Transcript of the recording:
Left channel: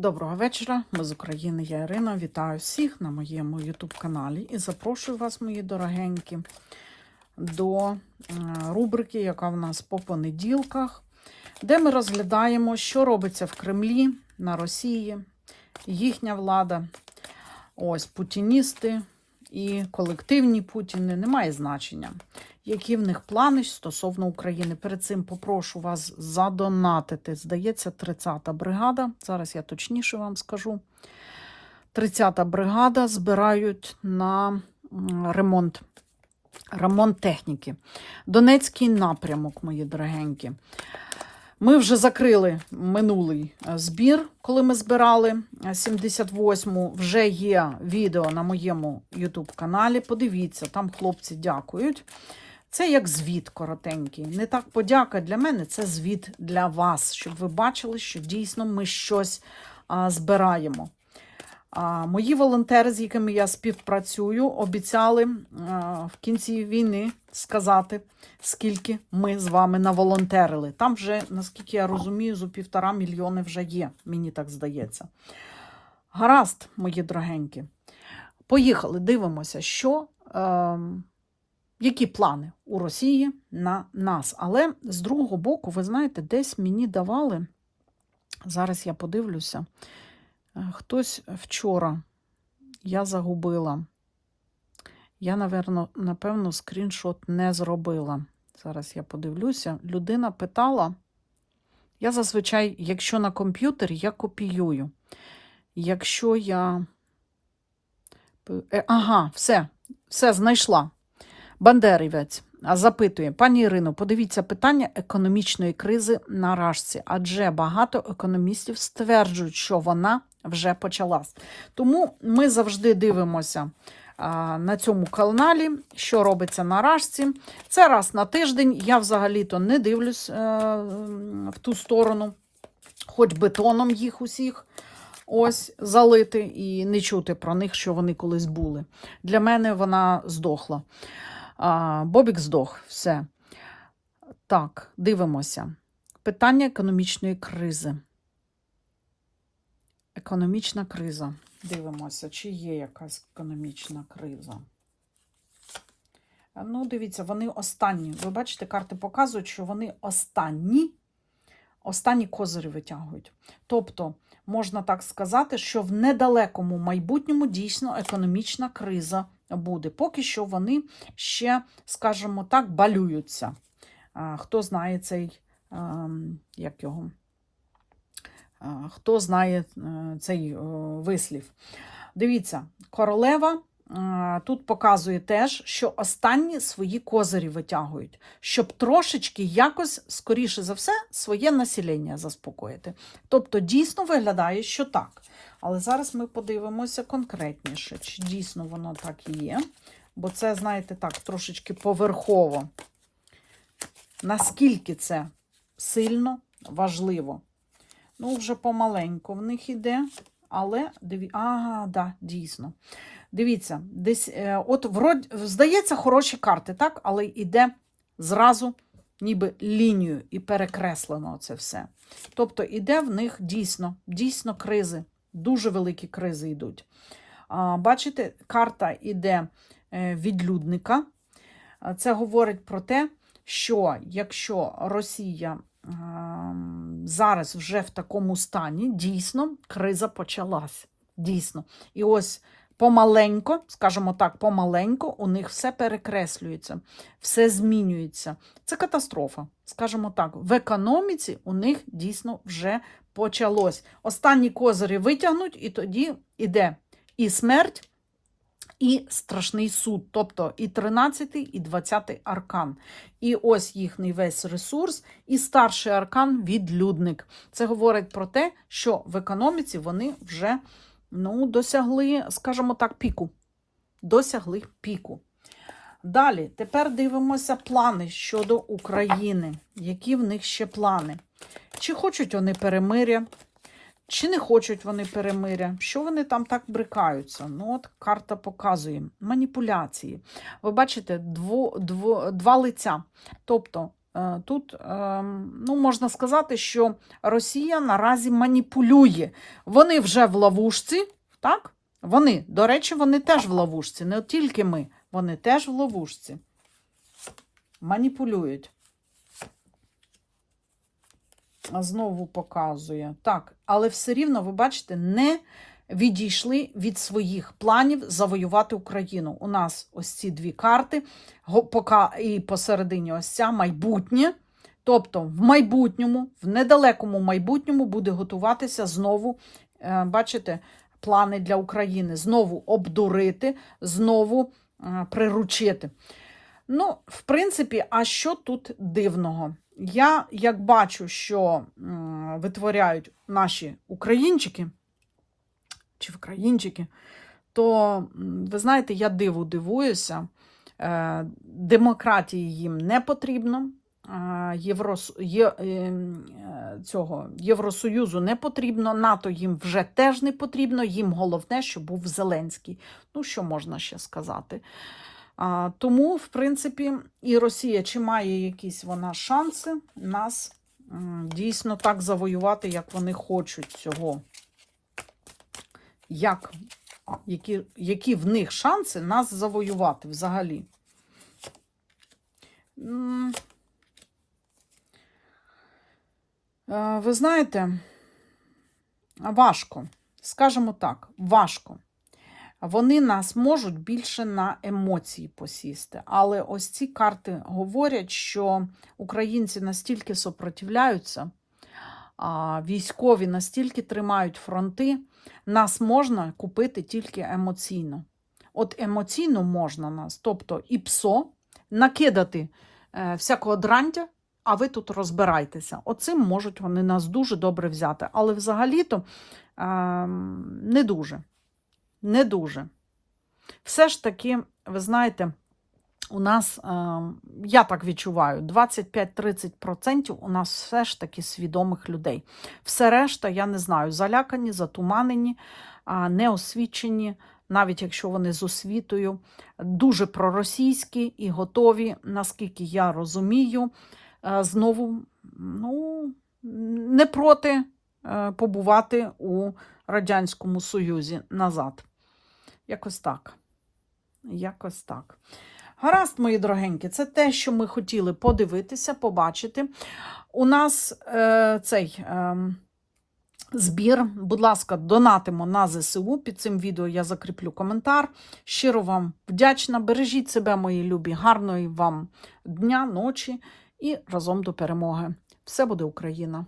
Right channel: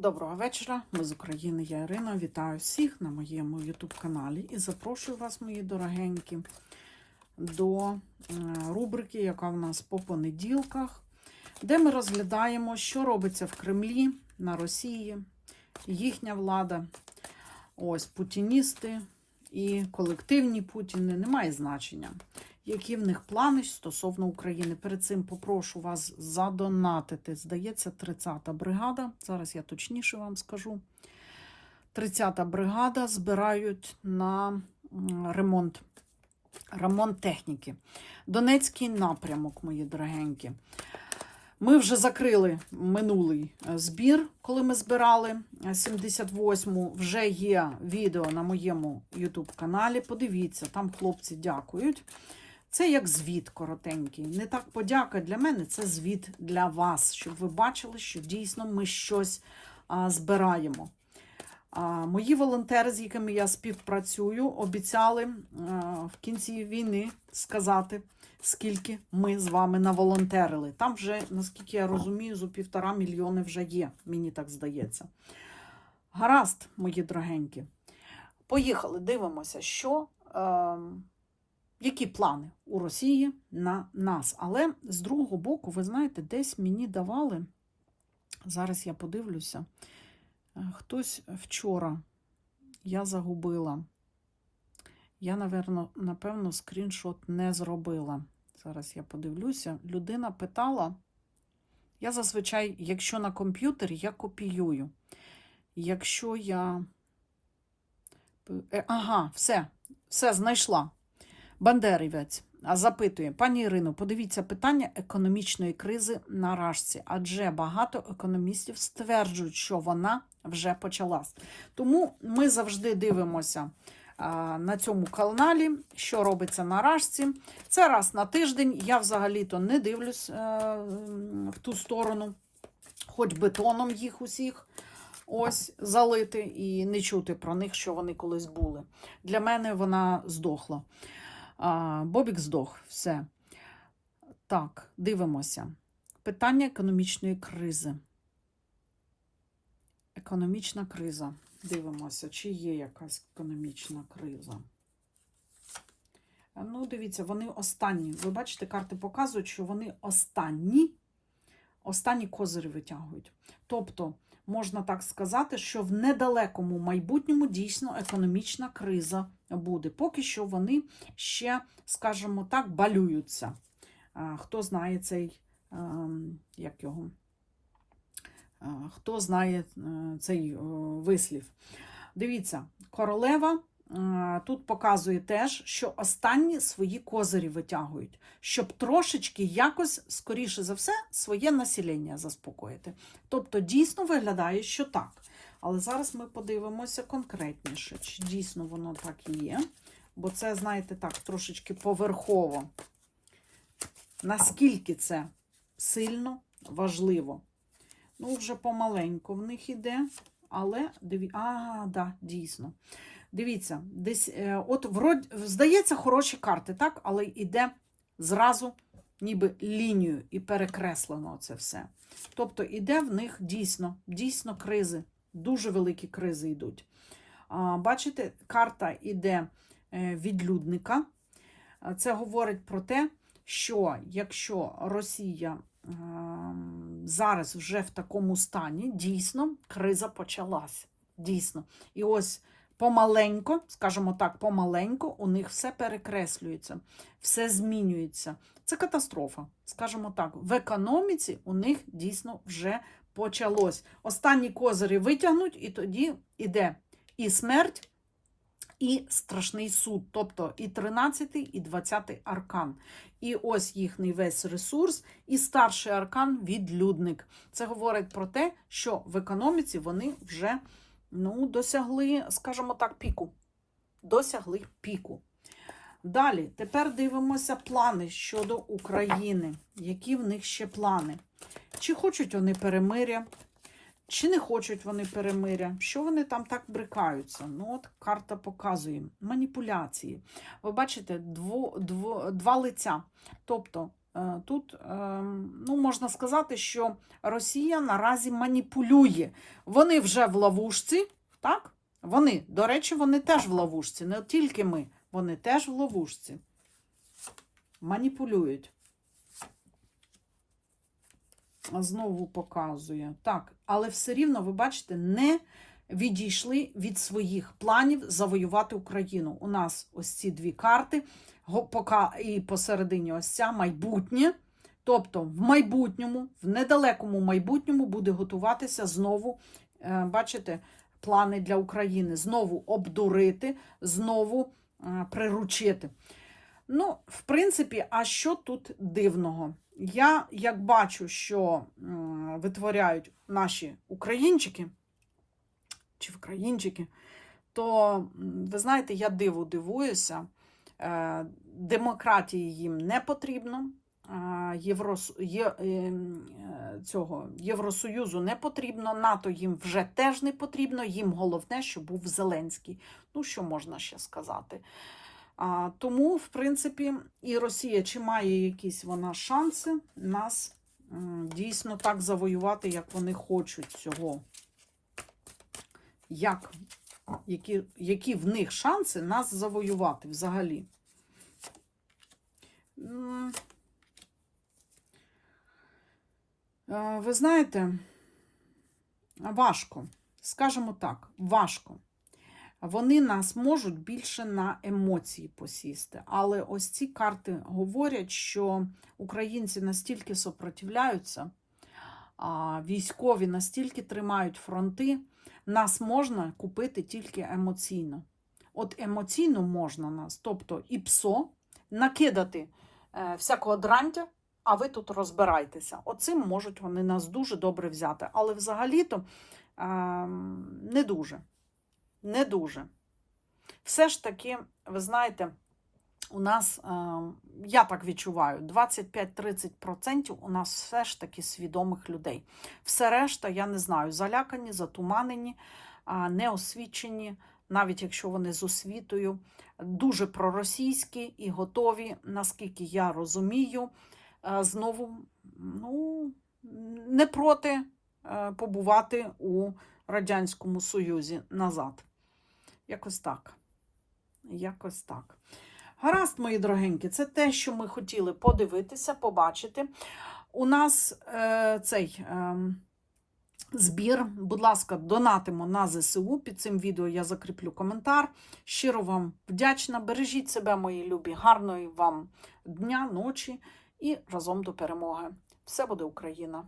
Доброго вечора, ми з України, я Ірина. Вітаю всіх на моєму YouTube каналі. І запрошую вас, мої дорогенькі, до е, рубрики, яка в нас по понеділках, де ми розглядаємо, що робиться в Кремлі, на Росії, їхня влада, ось путіністи і колективні Путіни, немає значення. Які в них плани стосовно України? Перед цим попрошу вас задонатити. Здається, 30-та бригада. Зараз я точніше вам скажу. 30-та бригада збирають на ремонт, ремонт техніки. Донецький напрямок, мої дорогенькі. Ми вже закрили минулий е, збір, коли ми збирали е, 78-му. Вже є відео на моєму YouTube каналі. Подивіться, там хлопці дякують. Це як звіт коротенький. Не так подяка для мене, це звіт для вас, щоб ви бачили, що дійсно ми щось а, збираємо. А, мої волонтери, з якими я співпрацюю, обіцяли а, в кінці війни сказати, скільки ми з вами наволонтерили. Там вже, наскільки я розумію, зо півтора мільйони вже є, мені так здається. Гаразд, мої дорогенькі. Поїхали, дивимося, що. ем, які плани у Росії на нас. Але з другого боку, ви знаєте, десь мені давали, зараз я подивлюся, е, хтось вчора я загубила. Я, напевно, напевно, скріншот не зробила. Зараз я подивлюся. Людина питала. Я зазвичай, якщо на комп'ютері, я копіюю. Якщо я. Е, Ага, все, все знайшла. Бандерівець запитує, пані Ірино, подивіться питання економічної кризи на Рашці, адже багато економістів стверджують, що вона вже почалась. Тому ми завжди дивимося на цьому каналі, що робиться на Рашці. Це раз на тиждень. Я взагалі-то не дивлюсь е, в ту сторону, хоч бетоном їх усіх. Ось залити і не чути про них, що вони колись були. Для мене вона здохла. Бобік здох, все. Так, дивимося. Питання економічної кризи. Економічна криза. Дивимося, чи є якась економічна криза. Ну, дивіться, вони останні. Ви бачите, карти показують, що вони останні, останні козирі витягують. Тобто, можна так сказати, що в недалекому майбутньому дійсно економічна криза буде. Поки що вони ще, скажімо так, балюються. Хто знає цей, ем, як його, хто знає е, цей е, вислів. Дивіться, королева е, тут показує теж, що останні свої козирі витягують, щоб трошечки якось, скоріше за все, своє населення заспокоїти. Тобто, дійсно виглядає, що так. Але зараз ми подивимося конкретніше, чи дійсно воно так і є. Бо це, знаєте, так, трошечки поверхово. Наскільки це сильно важливо. Ну, вже помаленьку в них іде, але диві... ага, да, дійсно. Дивіться, десь, е, от врод... здається, хороші карти, так? Але йде зразу ніби лінію і перекреслено це все. Тобто іде в них дійсно, дійсно кризи, дуже великі кризи йдуть. Бачите, карта йде е, відлюдника. Це говорить про те, що якщо Росія ем, зараз вже в такому стані, дійсно, криза почалась. Дійсно. І ось помаленько, скажімо так, помаленько, у них все перекреслюється, все змінюється. Це катастрофа. Скажімо так, в економіці у них дійсно вже почалось. Останні козирі витягнуть, і тоді іде і смерть, і страшний суд, тобто і 13, і 20 аркан. І ось їхній весь ресурс, і старший аркан відлюдник. Це говорить про те, що в економіці вони вже ну, досягли, скажімо так, піку. Досягли піку. Далі, тепер дивимося плани щодо України. Які в них ще плани? Чи хочуть вони перемиря, чи не хочуть вони перемиря? Що вони там так брикаються? Ну, от карта показує маніпуляції. Ви бачите, дво, дво, два лиця. Тобто е, тут е, ну, можна сказати, що Росія наразі маніпулює. Вони вже в ловушці, так? Вони, до речі, вони теж в ловушці, не тільки ми, вони теж в ловушці. Маніпулюють. Знову показує. Так, але все рівно, ви бачите, не відійшли від своїх планів завоювати Україну. У нас ось ці дві карти, і посередині ось ця майбутнє. Тобто, в майбутньому, в недалекому майбутньому буде готуватися знову, е, бачите, плани для України. Знову обдурити, знову е, приручити. Ну, в принципі, а що тут дивного? Я як бачу, що витворяють наші українчики чи українчики, то ви знаєте, я диву дивуюся. Е, Демократії їм не потрібно. е, Єврос... Є... е, Цього Євросоюзу не потрібно, НАТО їм вже теж не потрібно. Їм головне, щоб був Зеленський. Ну, що можна ще сказати? Тому, в принципі, і Росія, чи має якісь вона шанси нас дійсно так завоювати, як вони хочуть цього. Як, які, які в них шанси нас завоювати взагалі? Ви знаєте, важко. Скажімо так, важко. Вони нас можуть більше на емоції посісти. Але ось ці карти говорять, що українці настільки сопротивляються, військові настільки тримають фронти, нас можна купити тільки емоційно. От емоційно можна нас, тобто і псо, накидати е, всякого дрантя, а ви тут розбирайтеся. Оцим можуть вони нас дуже добре взяти. Але взагалі-то е, не дуже. Не дуже. Все ж таки, ви знаєте, у нас, е, я так відчуваю, 25-30% у нас все ж таки свідомих людей. Все решта, я не знаю, залякані, затуманені, неосвічені, навіть якщо вони з освітою, дуже проросійські і готові, наскільки я розумію, е, знову ну, не проти е, побувати у Радянському Союзі назад. Якось так. Якось так. Гаразд, мої дорогенькі, це те, що ми хотіли подивитися, побачити. У нас е, цей е, збір, будь ласка, донатимо на ЗСУ. Під цим відео я закріплю коментар. Щиро вам вдячна. Бережіть себе, мої любі, гарної вам дня, ночі і разом до перемоги. Все буде Україна!